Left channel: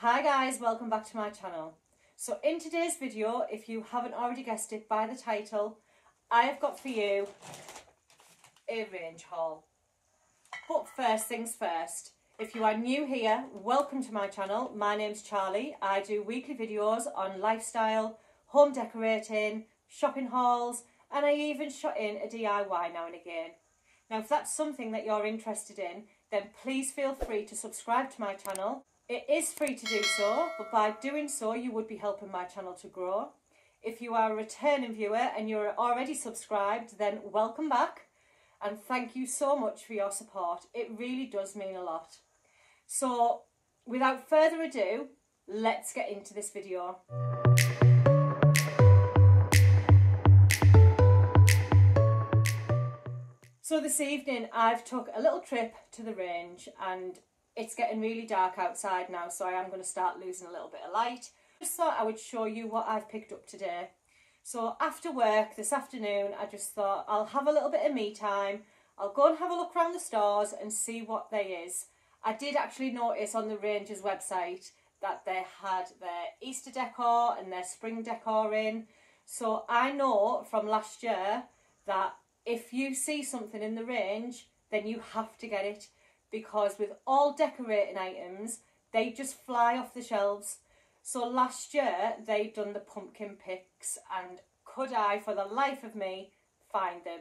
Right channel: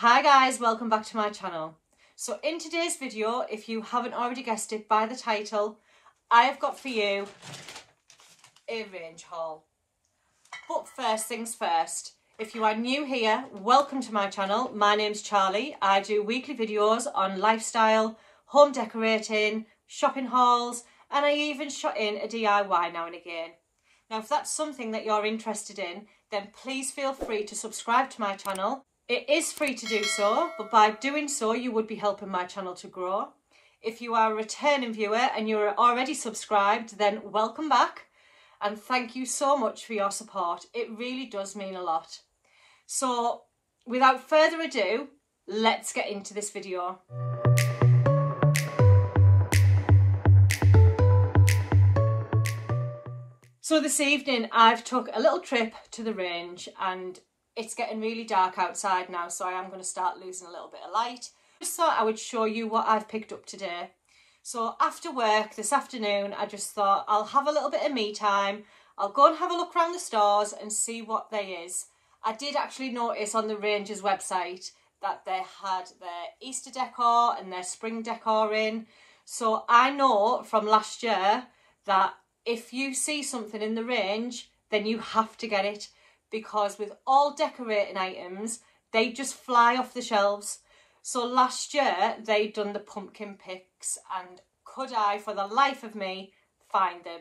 Hi guys, welcome back to my channel. So in today's video, if you haven't already guessed it by the title, I have got for you a range haul. But first things first, if you are new here, welcome to my channel. My name's Charlie. I do weekly videos on lifestyle, home decorating, shopping hauls, and I even shot in a DIY now and again. Now if that's something that you're interested in, then please feel free to subscribe to my channel. It is free to do so, but by doing so you would be helping my channel to grow. If you are a returning viewer and you're already subscribed, then welcome back and thank you so much for your support. It really does mean a lot. So without further ado, let's get into this video. So this evening I've took a little trip to the range and it's getting really dark outside now, so I am going to start losing a little bit of light. Just thought I would show you what I've picked up today. So after work this afternoon, I just thought I'll have a little bit of me time. I'll go and have a look around the stores and see what there is. I did actually notice on the Range's website that they had their Easter decor and their spring decor in. So I know from last year that if you see something in the Range, then you have to get it. Because with all decorating items, they just fly off the shelves. So last year, they'd done the pumpkin picks and could I, for the life of me, find them?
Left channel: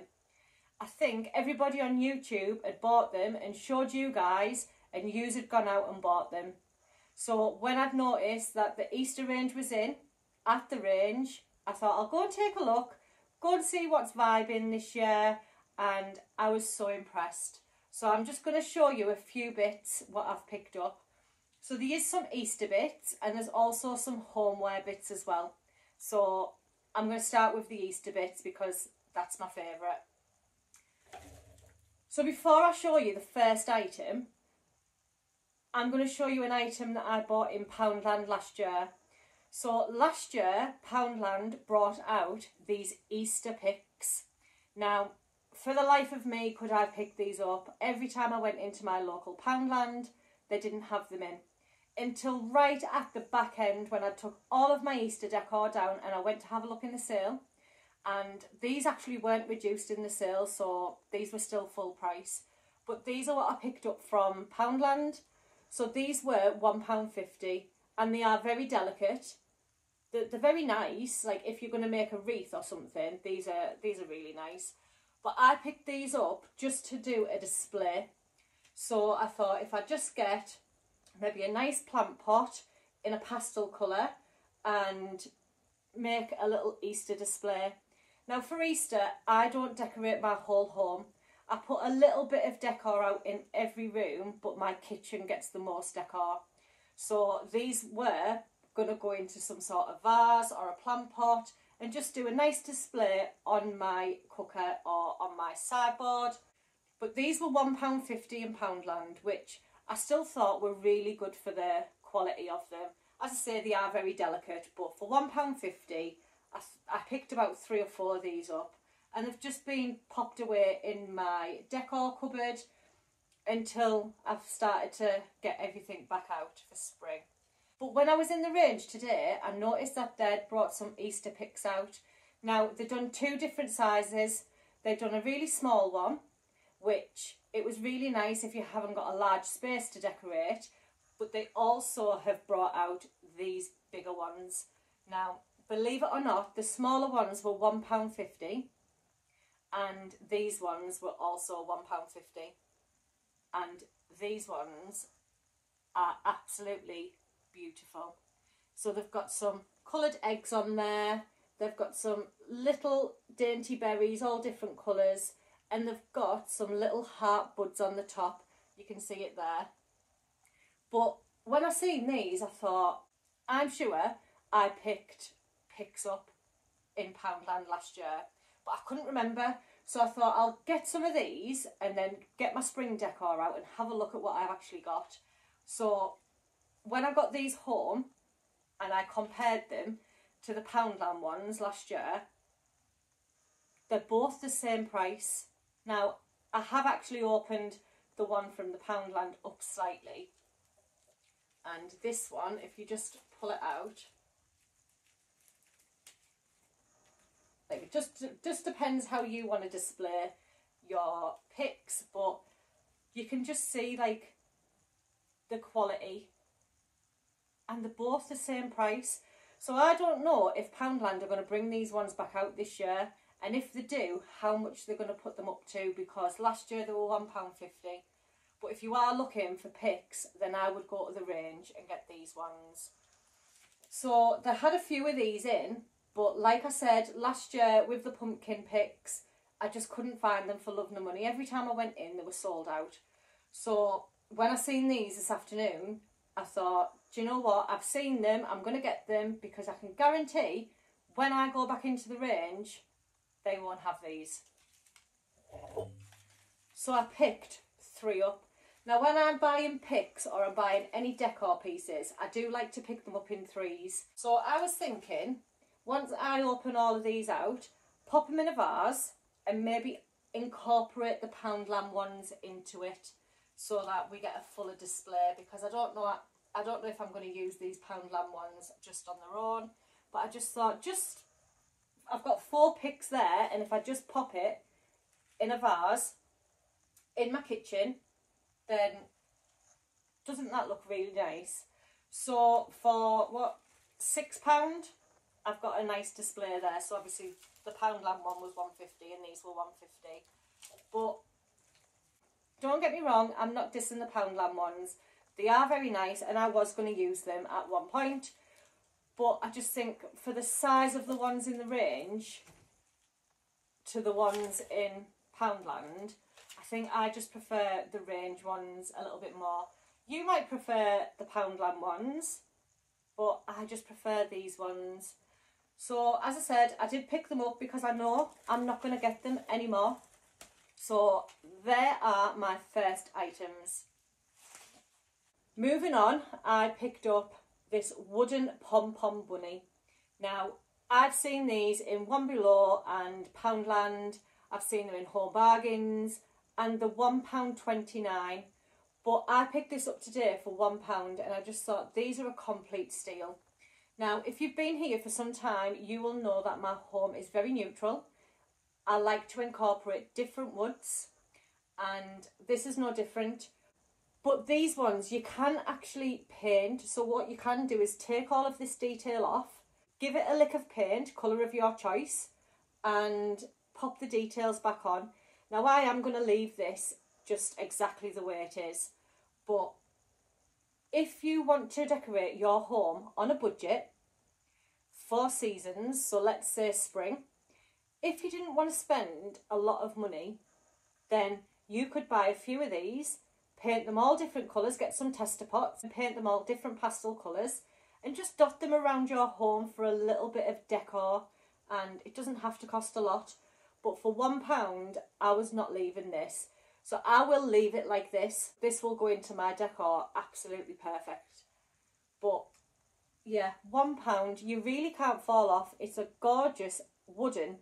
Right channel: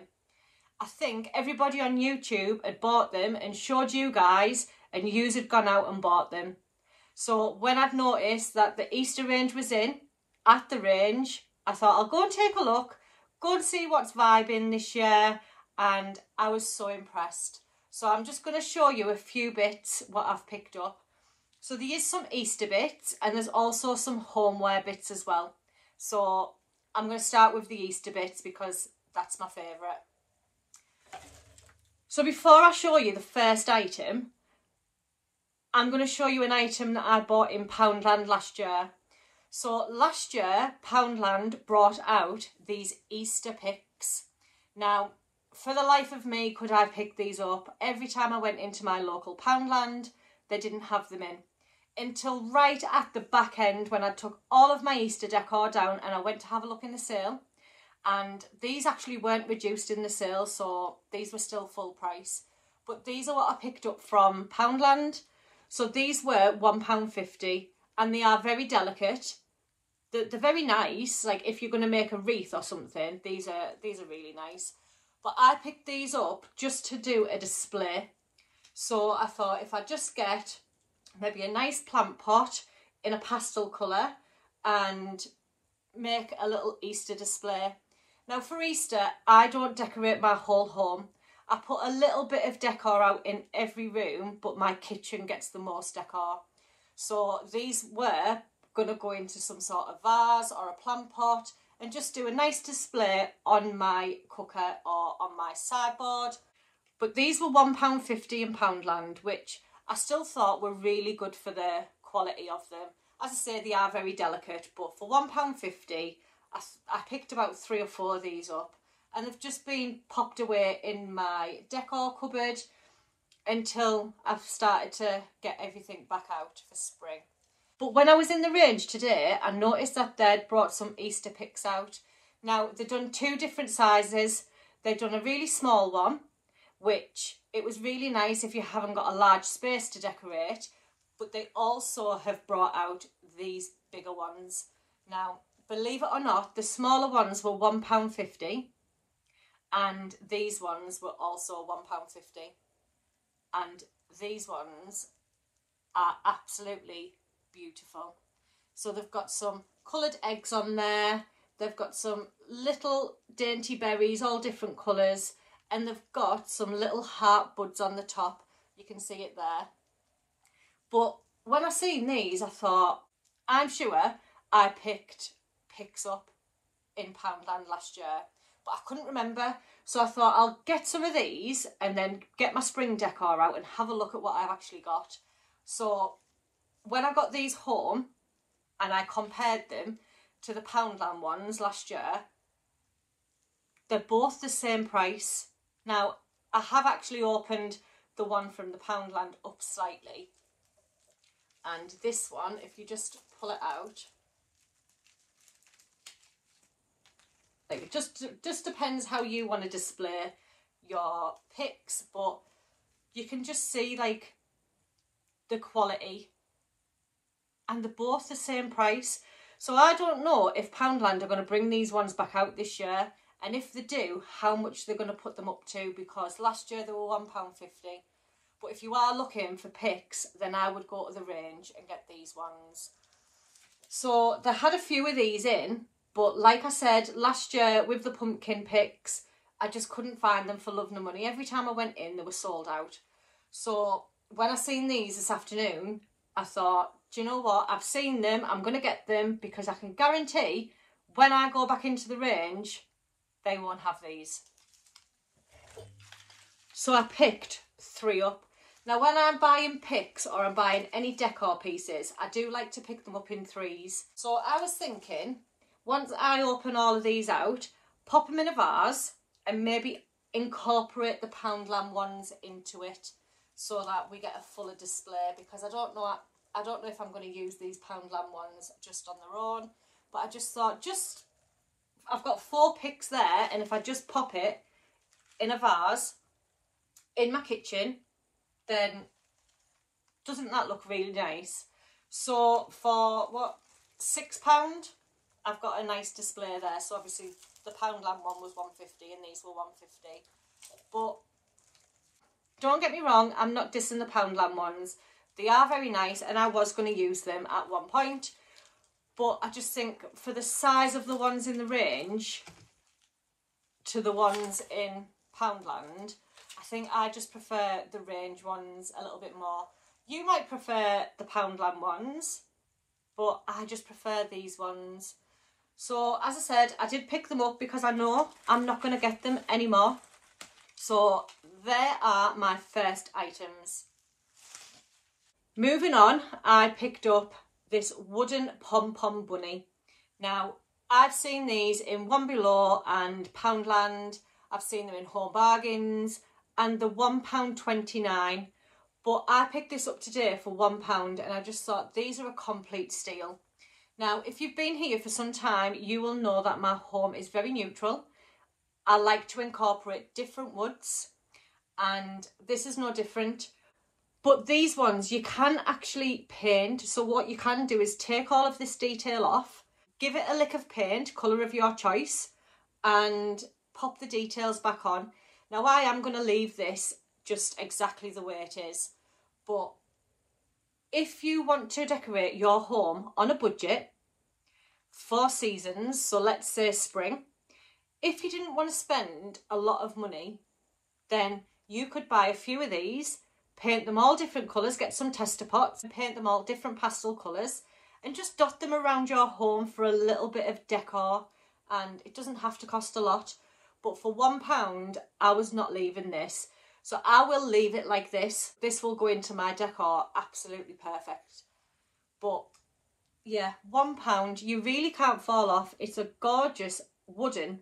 I think everybody on YouTube had bought them and showed you guys and yous had gone out and bought them. So when I'd noticed that the Easter range was in, at the Range, I thought I'll go and take a look, go and see what's vibing this year, and I was so impressed. So I'm just going to show you a few bits what I've picked up. So there is some Easter bits and there's also some homeware bits as well. So I'm going to start with the Easter bits because that's my favourite. So before I show you the first item, I'm going to show you an item that I bought in Poundland last year. So last year, Poundland brought out these Easter picks. Now, for the life of me, could I pick these up? Every time I went into my local Poundland, they didn't have them in. Until right at the back end when I took all of my Easter decor down and I went to have a look in the sale. And these actually weren't reduced in the sale, so these were still full price. But these are what I picked up from Poundland. So these were £1.50 and they are very delicate. They're very nice, like if you're going to make a wreath or something, these are really nice. But I picked these up just to do a display. So I thought if I just get maybe a nice plant pot in a pastel colour and make a little Easter display. Now for Easter, I don't decorate my whole home. I put a little bit of decor out in every room, but my kitchen gets the most decor. So these were going to go into some sort of vase or a plant pot and just do a nice display on my cooker or on my sideboard. But these were £1.50 in Poundland, which I still thought were really good for the quality of them. As I say, they are very delicate, but for £1.50, I picked about 3 or 4 of these up. And they've just been popped away in my decor cupboard until I've started to get everything back out for spring. But when I was in the Range today, I noticed that they'd brought some Easter picks out. Now, they've done 2 different sizes. They've done a really small one, which it was really nice if you haven't got a large space to decorate. But they also have brought out these bigger ones. Now, believe it or not, the smaller ones were £1.50 and these ones were also £1.50. And these ones are absolutely beautiful. So they've got some coloured eggs on there, they've got some little dainty berries, all different colours, and they've got some little heart buds on the top. You can see it there. But when I seen these, I thought, I'm sure I picked picks up in Poundland last year, but I couldn't remember. So I thought I'll get some of these and then get my spring decor out and have a look at what I've actually got. So when I got these home and I compared them to the Poundland ones last year, they're both the same price. Now, I have actually opened the one from the Poundland up slightly And this one, if you just pull it out, like it just depends how you want to display your picks, but you can just see like the quality, and they're both the same price. So I don't know if Poundland are going to bring these ones back out this year, and if they do, how much they're going to put them up to, because last year they were £1.50. But if you are looking for picks, then I would go to the range and get these ones. So they had a few of these in, but like I said, last year with the pumpkin picks, I just couldn't find them for love nor money. Every time I went in, they were sold out. So when I seen these this afternoon, I thought, do you know what? I've seen them, I'm going to get them, because I can guarantee when I go back into the range, they won't have these. So I picked 3 up. Now when I'm buying picks or I'm buying any decor pieces, I do like to pick them up in 3s. So I was thinking, once I open all of these out, pop them in a vase and maybe incorporate the Poundland ones into it so that we get a fuller display, because I don't know if I'm going to use these Poundland ones just on their own, but I just thought, I've got 4 picks there, and if I just pop it in a vase in my kitchen, then doesn't that look really nice? So for what, £6, I've got a nice display there. So obviously the Poundland one was £1.50 and these were £1.50. But don't get me wrong, I'm not dissing the Poundland ones. They are very nice, and I was going to use them at one point. But I just think for the size of the ones in the range to the ones in Poundland, I think I just prefer the range ones a little bit more. You might prefer the Poundland ones, but I just prefer these ones. So as I said, I did pick them up because I know I'm not going to get them anymore. So there are my first items. Moving on, I picked up this wooden pom-pom bunny. Now, I've seen these in One Below and Poundland. I've seen them in Home Bargains and the £1.29. But I picked this up today for £1 and I just thought these are a complete steal. Now, if you've been here for some time, you will know that my home is very neutral. I like to incorporate different woods, and this is no different. But these ones you can actually paint. So what you can do is take all of this detail off, give it a lick of paint, colour of your choice, and pop the details back on. Now I am going to leave this just exactly the way it is. But if you want to decorate your home on a budget for seasons, so let's say spring, if you didn't want to spend a lot of money, then you could buy a few of these, paint them all different colours, get some tester pots and paint them all different pastel colours, and just dot them around your home for a little bit of decor. And it doesn't have to cost a lot, but for £1 I was not leaving this. So I will leave it like this. This will go into my decor absolutely perfect. But yeah, £1, you really can't fall off. It's a gorgeous wooden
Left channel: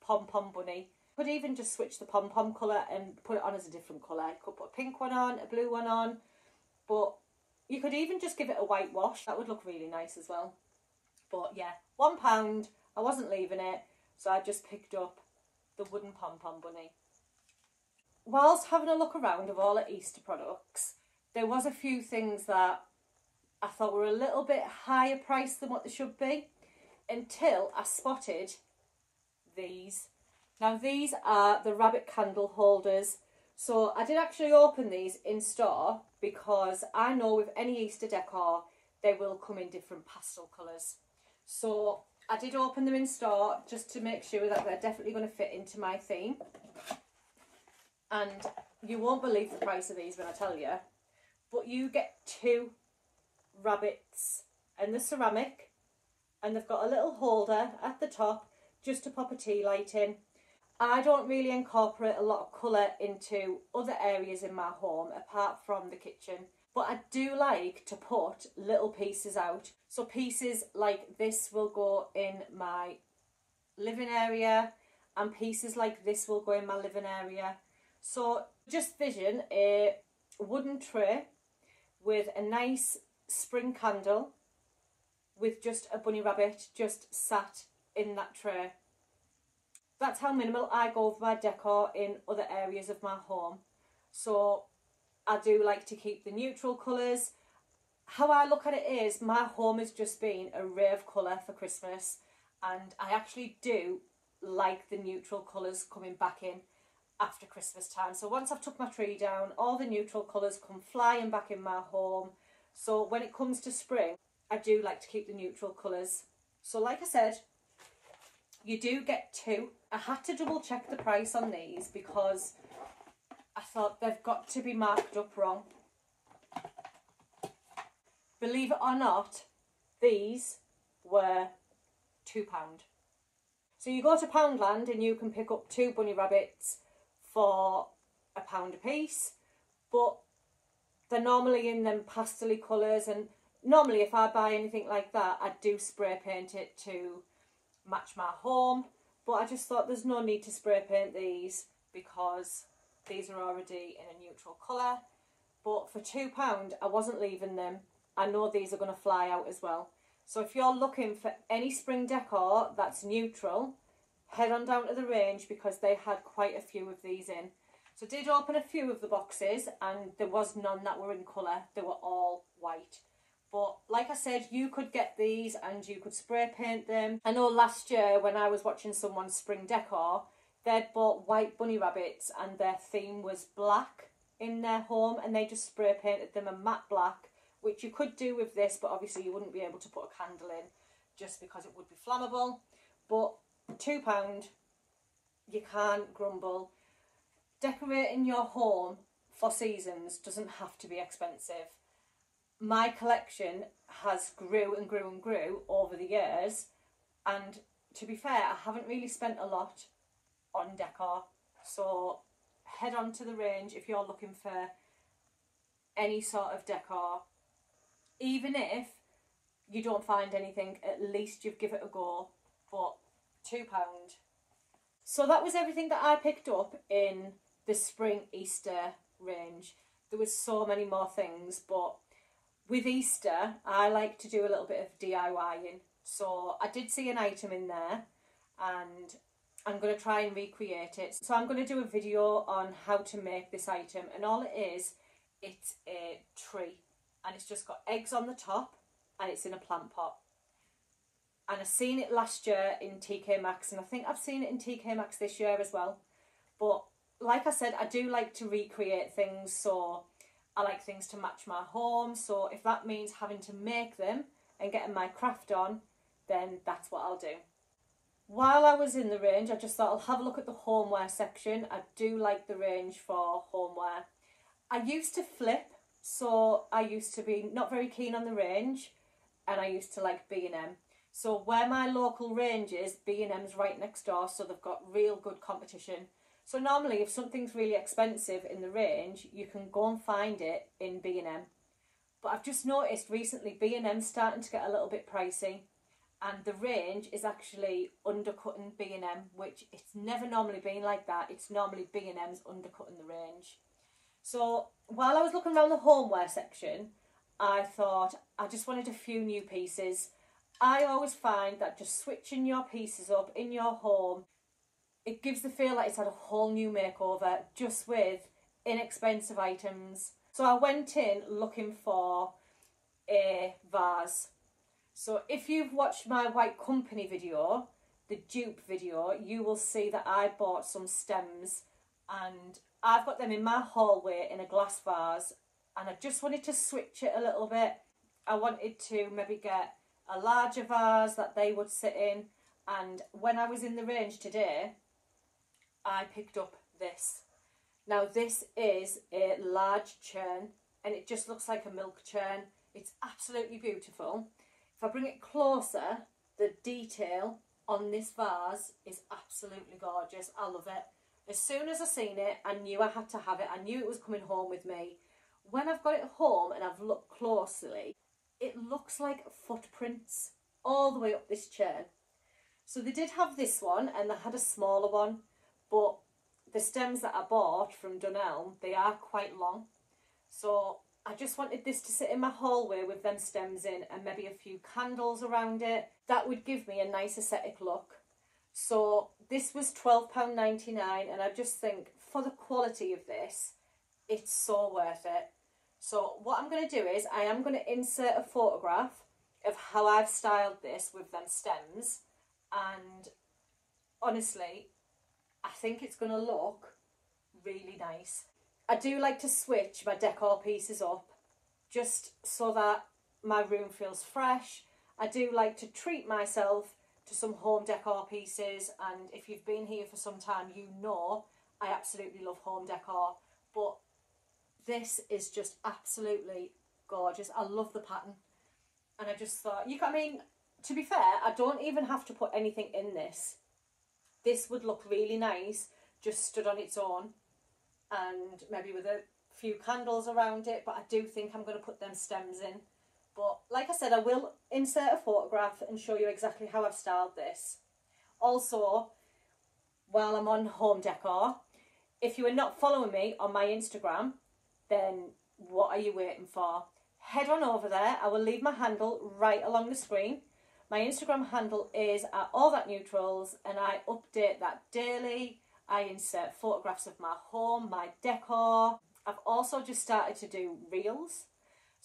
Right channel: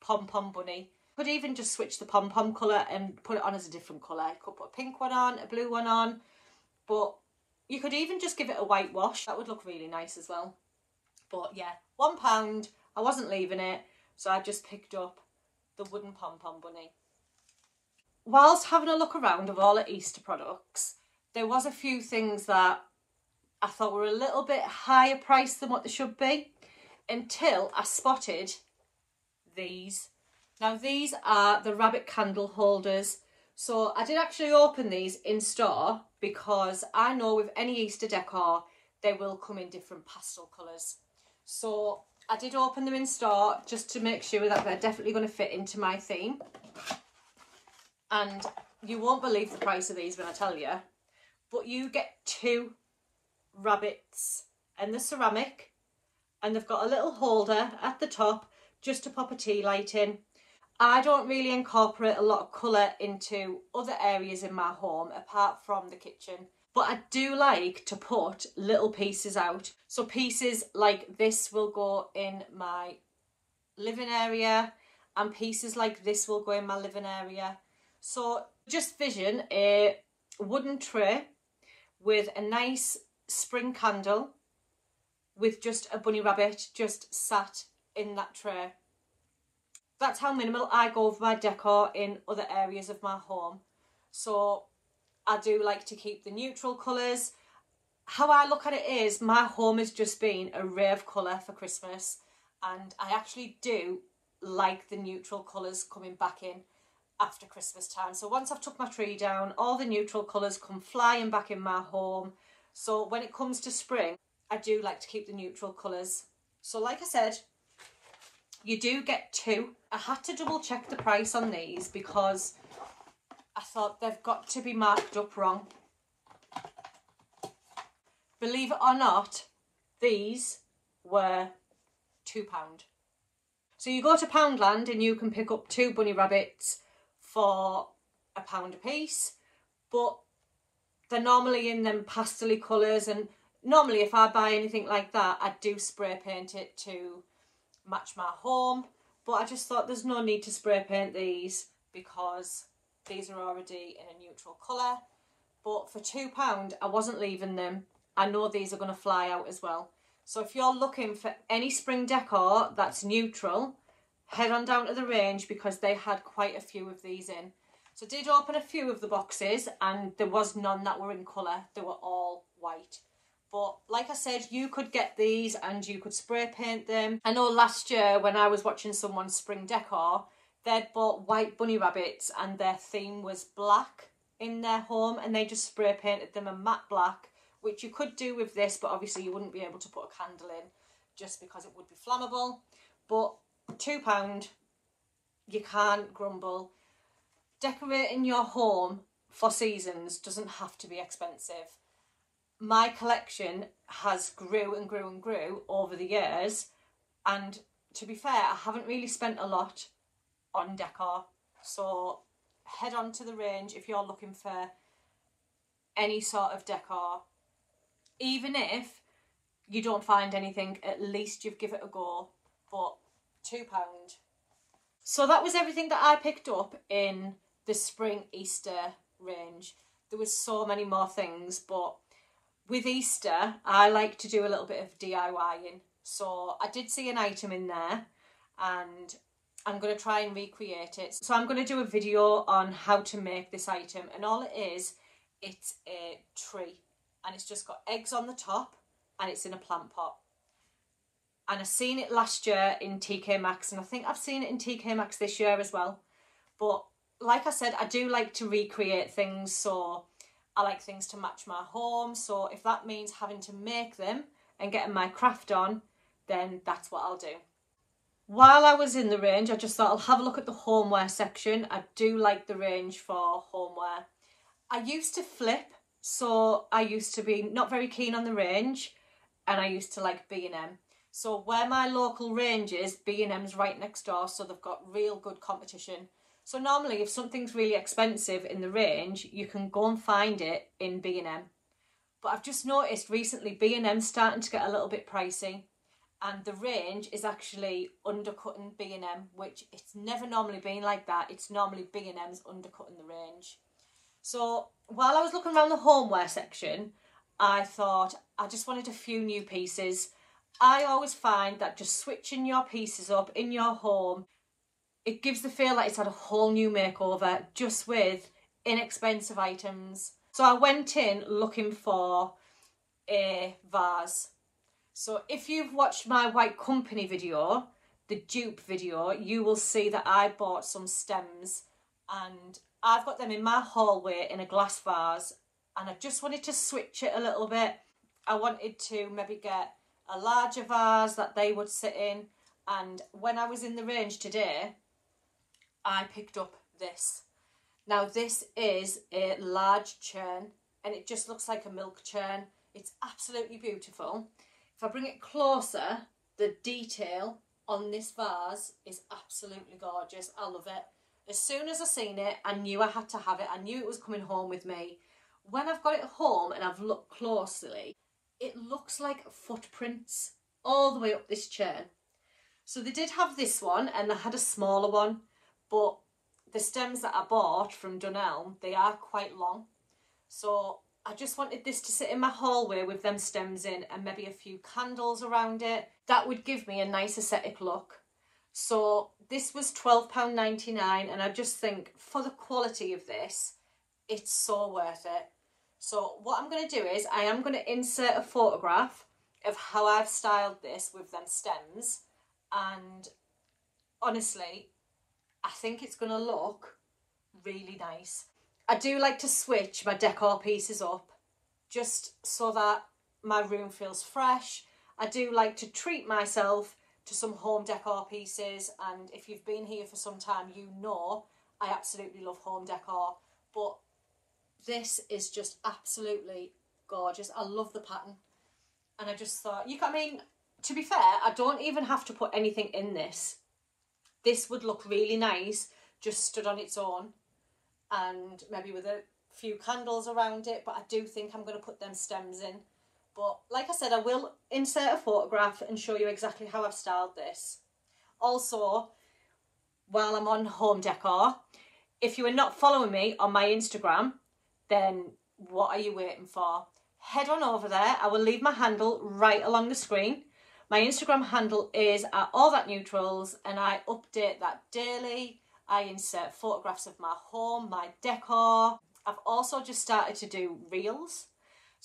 pom-pom bunny. Could even just switch the pom-pom colour and put it on as a different colour. You could put a pink one on, a blue one on, but you could even just give it a whitewash. That would look really nice as well. But yeah, £1, I wasn't leaving it, so I just picked up the wooden pom-pom bunny. Whilst having a look around of all the Easter products, there was a few things that I thought were a little bit higher priced than what they should be, until I spotted these. Now these are the rabbit candle holders. So I did actually open these in store because I know with any Easter decor they will come in different pastel colours. So I did open them in store just to make sure that they're definitely going to fit into my theme. And you won't believe the price of these when I tell you, but you get 2 rabbits and the ceramic, and they've got a little holder at the top just to pop a tea light in. I don't really incorporate a lot of colour into other areas in my home apart from the kitchen, but I do like to put little pieces out. So pieces like this will go in my living area, and pieces like this will go in my living area. So just vision a wooden tray with a nice spring candle with just a bunny rabbit just sat in that tray. That's how minimal I go with my decor in other areas of my home. So I do like to keep the neutral colours. How I look at it is my home has just been a ray of colour for Christmas, and I actually do like the neutral colours coming back in after Christmas time. So once I've took my tree down, all the neutral colours come flying back in my home. So when it comes to spring, I do like to keep the neutral colours. So like I said, you do get two. I had to double check the price on these because I thought they've got to be marked up wrong. Believe it or not, these were £2. So you go to Poundland and you can pick up 2 bunny rabbits for £1 a piece, but they're normally in them pastel-y colours, and normally if I buy anything like that, I do spray paint it to match my home, but I just thought there's no need to spray paint these because these are already in a neutral colour. But for £2, I wasn't leaving them. I know these are going to fly out as well. So if you're looking for any spring decor that's neutral, head on down to the range because they had quite a few of these in. So I did open a few of the boxes and there was none that were in colour. They were all white. But like I said, you could get these and you could spray paint them. I know last year when I was watching someone's spring decor, they'd bought white bunny rabbits and their theme was black in their home, and they just spray painted them a matte black, which you could do with this, but obviously you wouldn't be able to put a candle in just because it would be flammable. But £2, you can't grumble. Decorating your home for seasons doesn't have to be expensive. My collection has grew and grew and grew over the years, and to be fair, I haven't really spent a lot on decor. So head on to the range if you're looking for any sort of decor. Even if you don't find anything, at least you've given it a go. But £2. So that was everything that I picked up in the spring Easter range. There was so many more things, but with Easter I like to do a little bit of DIYing. So I did see an item in there and I'm going to try and recreate it. So I'm going to do a video on how to make this item, and all it is, it's a tree. And it's just got eggs on the top and it's in a plant pot. And I seen it last year in TK Maxx, and I think I've seen it in TK Maxx this year as well. But like I said, I do like to recreate things, so I like things to match my home. So if that means having to make them and getting my craft on, then that's what I'll do. While I was in the range, I just thought I'll have a look at the homeware section. I do like the range for homeware. I used to flip. So I used to be not very keen on the range, and I used to like B&M. So where my local range is, B&M's right next door, so they've got real good competition. So normally if something's really expensive in the range, you can go and find it in B&M. But I've just noticed recently B&M's starting to get a little bit pricey, and the range is actually undercutting B&M, which it's never normally been like that. It's normally B&M's undercutting the range. So while I was looking around the homeware section, I thought I just wanted a few new pieces. I always find that just switching your pieces up in your home, it gives the feel like it's had a whole new makeover just with inexpensive items. So I went in looking for a vase. So if you've watched my White Company video, the dupe video, you will see that I bought some stems, and I've got them in my hallway in a glass vase, and I just wanted to switch it a little bit. I wanted to maybe get a larger vase that they would sit in, and when I was in the range today, I picked up this. Now this is a large churn, and it just looks like a milk churn. It's absolutely beautiful. If I bring it closer, the detail on this vase is absolutely gorgeous. I love it. As soon as I seen it, I knew I had to have it. I knew it was coming home with me. When I've got it home and I've looked closely, it looks like footprints all the way up this churn. So they did have this one and they had a smaller one, but the stems that I bought from Dunelm, they are quite long. So I just wanted this to sit in my hallway with them stems in and maybe a few candles around it. That would give me a nice aesthetic look. So this was £12.99, and I just think for the quality of this, it's so worth it. So what I'm going to do is I am going to insert a photograph of how I've styled this with them stems, and honestly, I think it's going to look really nice. I do like to switch my decor pieces up just so that my room feels fresh. I do like to treat myself to some home decor pieces, and if you've been here for some time, you know I absolutely love home decor, but this is just absolutely gorgeous. I love the pattern, and I just thought, I mean, to be fair, I don't even have to put anything in this. This would look really nice just stood on its own, and maybe with a few candles around it, but I do think I'm going to put them stems in. But like I said, I will insert a photograph and show you exactly how I've styled this. Also, while I'm on home decor, if you are not following me on my Instagram, then what are you waiting for? Head on over there. I will leave my handle right along the screen. My Instagram handle is @Allthatneutrals, and I update that daily. I insert photographs of my home, my decor. I've also just started to do reels.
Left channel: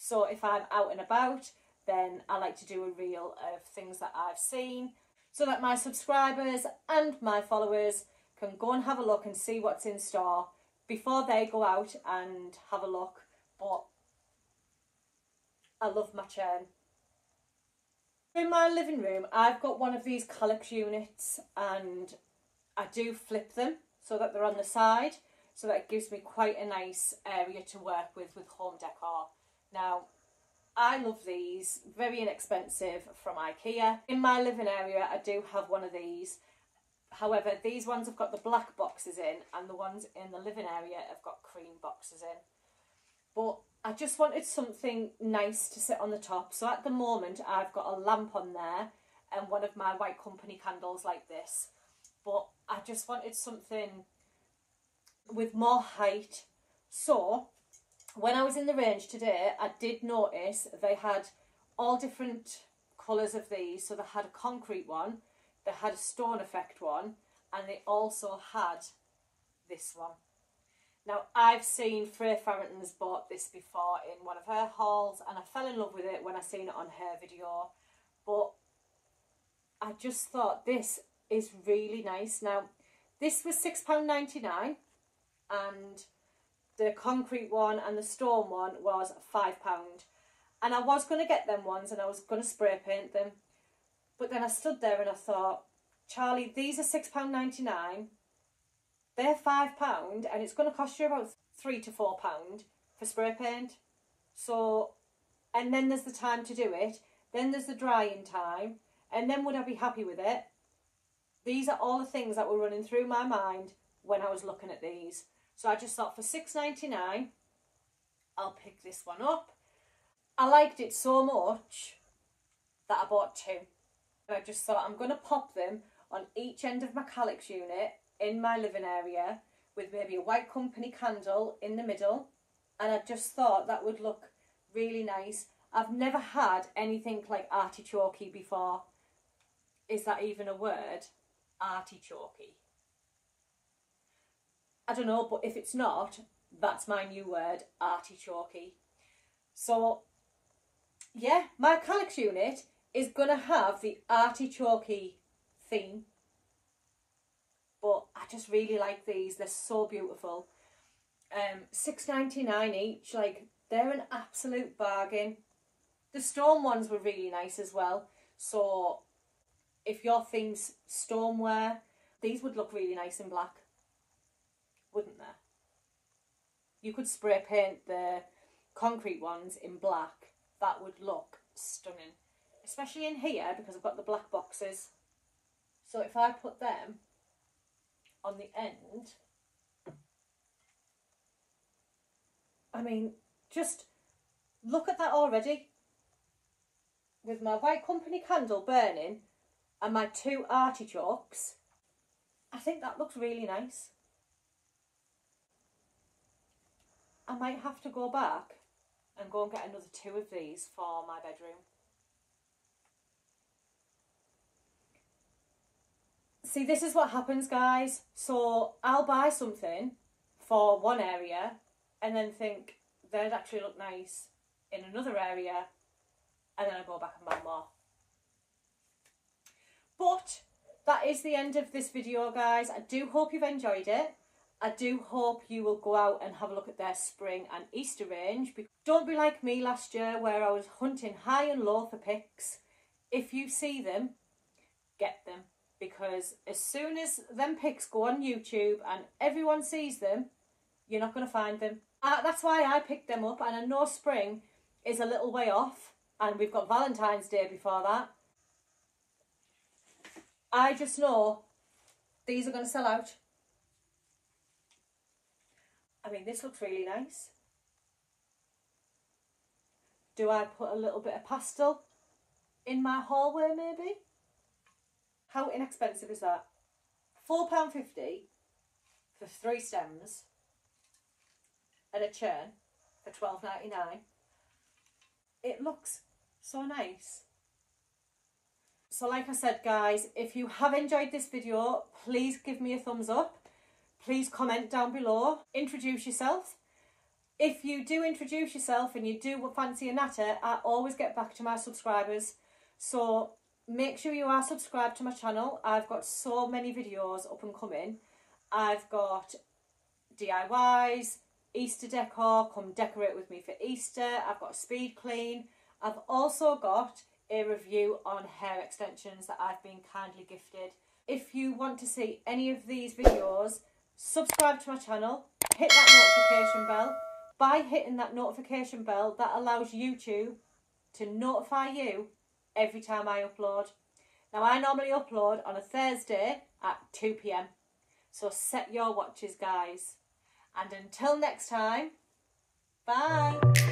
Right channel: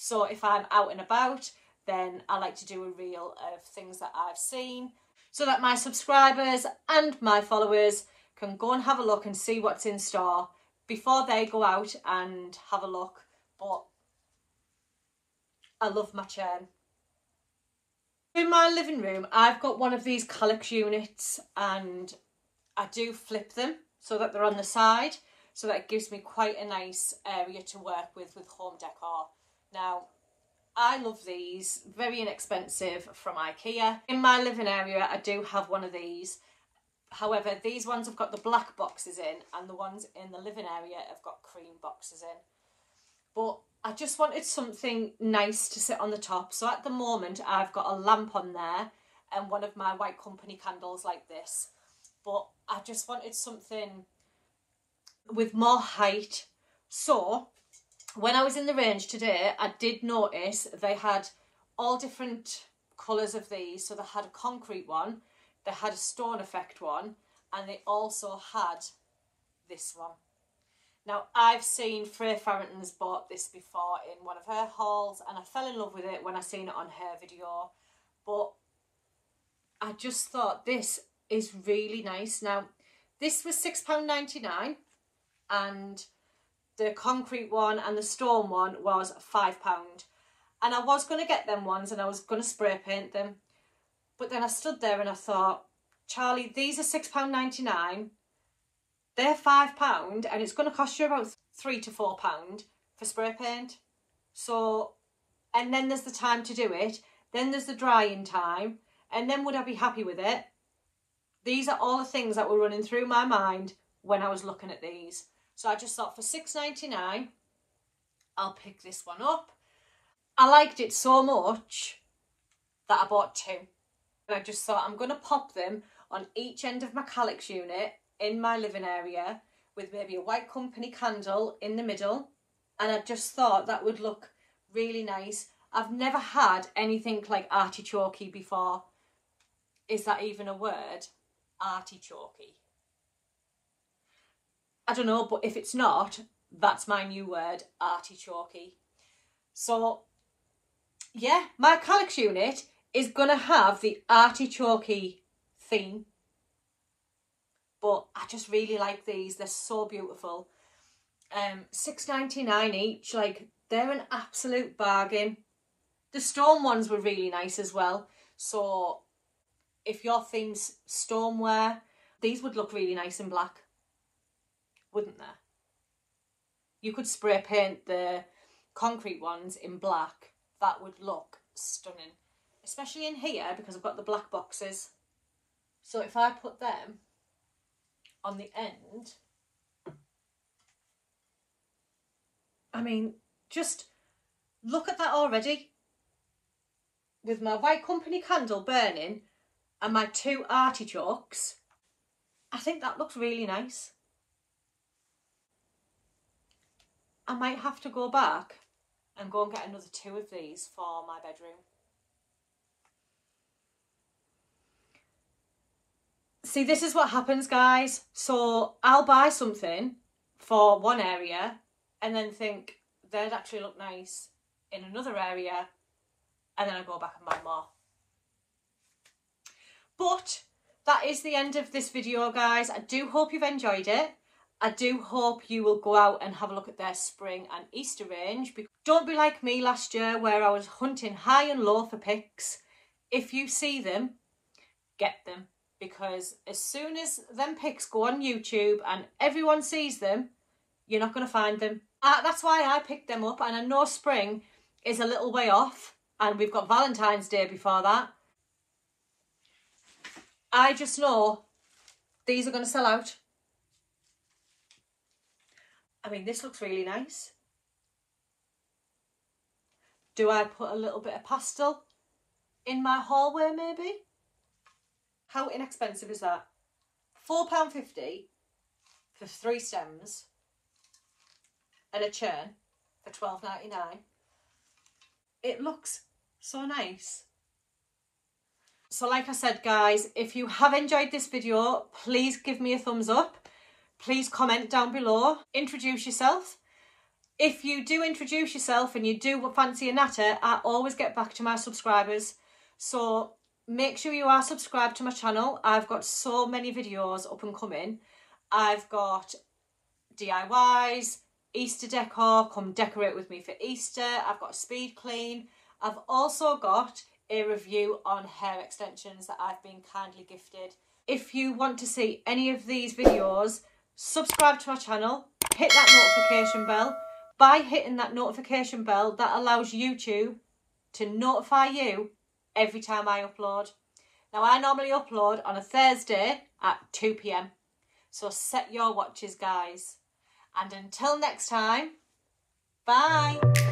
So if I'm out and about, then I like to do a reel of things that I've seen, so that my subscribers and my followers can go and have a look and see what's in store before they go out and have a look. But I love my churn. In my living room, I've got one of these Calyx units, and I do flip them so that they're on the side, so that it gives me quite a nice area to work with home decor. Now, I love these, very inexpensive, from IKEA. In my living area, I do have one of these. However, these ones have got the black boxes in, and the ones in the living area have got cream boxes in. But I just wanted something nice to sit on the top. So at the moment, I've got a lamp on there and one of my white company candles like this. But I just wanted something with more height. So when I was in the range today, I did notice they had all different colours of these. So they had a concrete one, they had a stone effect one, and they also had this one. Now, I've seen Freya Farrington's bought this before in one of her hauls, and I fell in love with it when I seen it on her video. But I just thought this is really nice. Now, this was £6.99, and the concrete one and the stone one was £5. And I was going to get them ones, and I was going to spray paint them. But then I stood there and I thought, Charlie, these are £6.99. They're £5, and it's going to cost you about £3 to £4 for spray paint. So, and then there's the time to do it. Then there's the drying time. And then would I be happy with it? These are all the things that were running through my mind when I was looking at these. So I just thought for £6.99, I'll pick this one up. I liked it so much that I bought two. And I just thought I'm going to pop them on each end of my Calyx unit in my living area with maybe a white company candle in the middle, and I just thought that would look really nice. I've never had anything like artichokey before. Is that even a word? Artichokey. I don't know, but if it's not, that's my new word, artichokey. So yeah, my Calyx unit is gonna have the artichokey theme. But I just really like these. They're so beautiful. £6.99 each. Like, they're an absolute bargain. The stone ones were really nice as well. So if your theme's stoneware, these would look really nice in black, wouldn't they? You could spray paint the concrete ones in black. That would look stunning. Especially in here, because I've got the black boxes. So if I put them on the end, I mean, just look at that already. With my white company candle burning and my two artichokes, I think that looks really nice. I might have to go back and go and get another 2 of these for my bedroom. See, this is what happens, guys. So I'll buy something for one area and then think they'd actually look nice in another area, and then I go back and buy more. But that is the end of this video, guys. I do hope you've enjoyed it. I do hope you will go out and have a look at their spring and Easter range. Don't be like me last year where I was hunting high and low for picks. If you see them, get them. Because as soon as them pics go on YouTube and everyone sees them, you're not going to find them. That's why I picked them up, and I know spring is a little way off and we've got Valentine's Day before that. I just know these are going to sell out. I mean, this looks really nice. Do I put a little bit of pastel in my hallway maybe? How inexpensive is that? £4.50 for 3 stems and a churn for £12.99. It looks so nice. So like I said, guys, if you have enjoyed this video, please give me a thumbs up. Please comment down below. Introduce yourself. If you do introduce yourself and you do fancy a natter, I always get back to my subscribers. So make sure you are subscribed to my channel. I've got so many videos up and coming. I've got DIYs, Easter decor, come decorate with me for Easter. I've got a speed clean. I've also got a review on hair extensions that I've been kindly gifted. If you want to see any of these videos, subscribe to my channel, hit that notification bell. By hitting that notification bell, that allows YouTube to notify you every time I upload. Now, I normally upload on a Thursday at 2 PM. So set your watches, guys. And until next time, bye.